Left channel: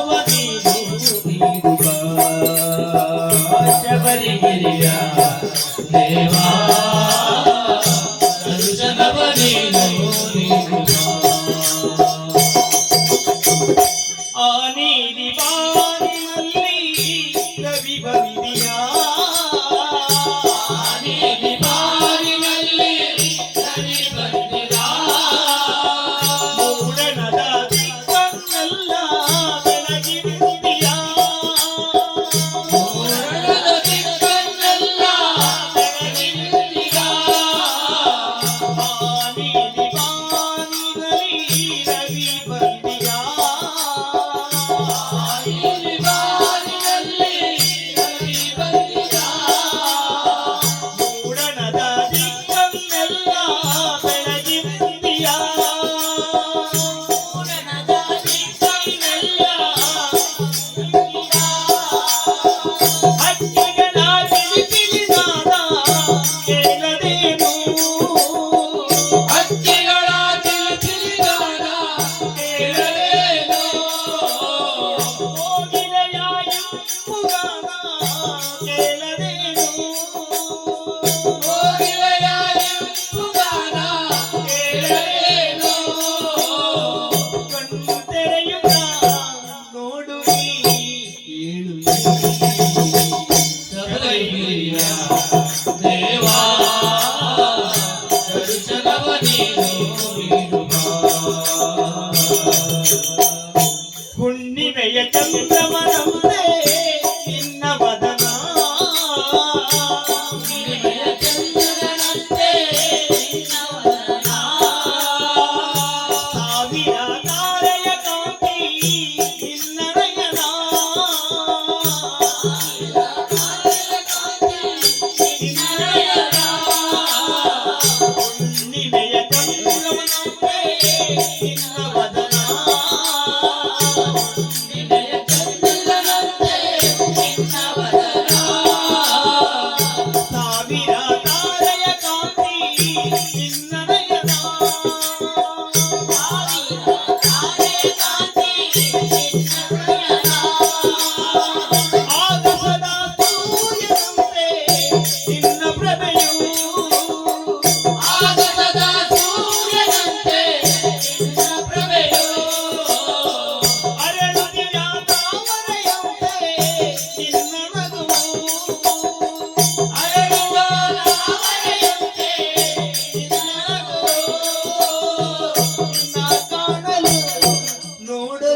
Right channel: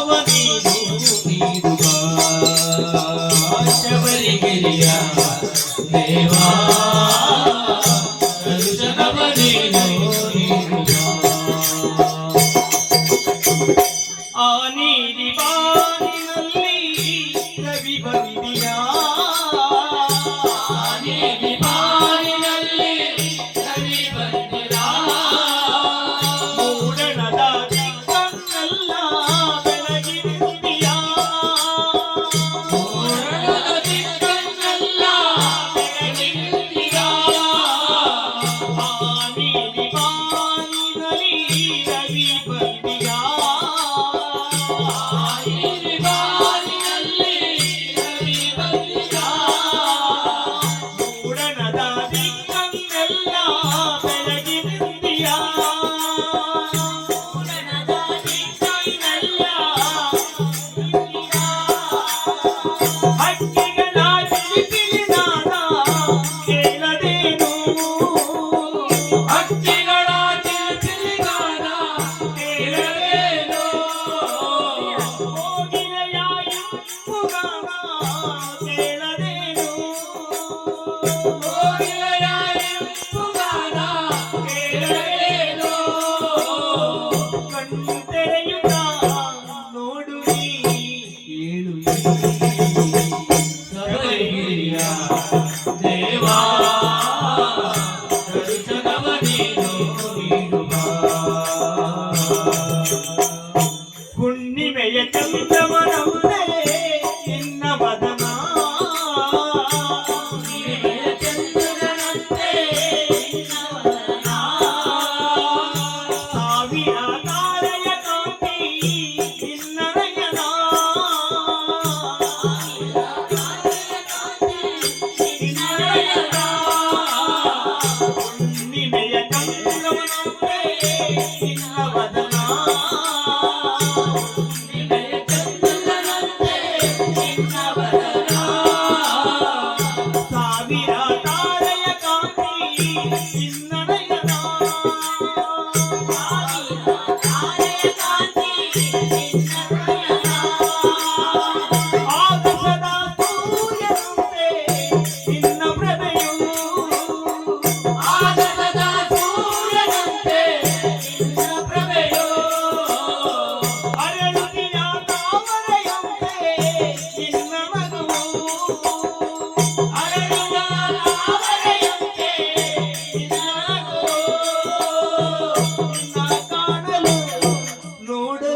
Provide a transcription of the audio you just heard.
भगवती भूति शबरी गिरिया देवा आनी दीवानी அதோட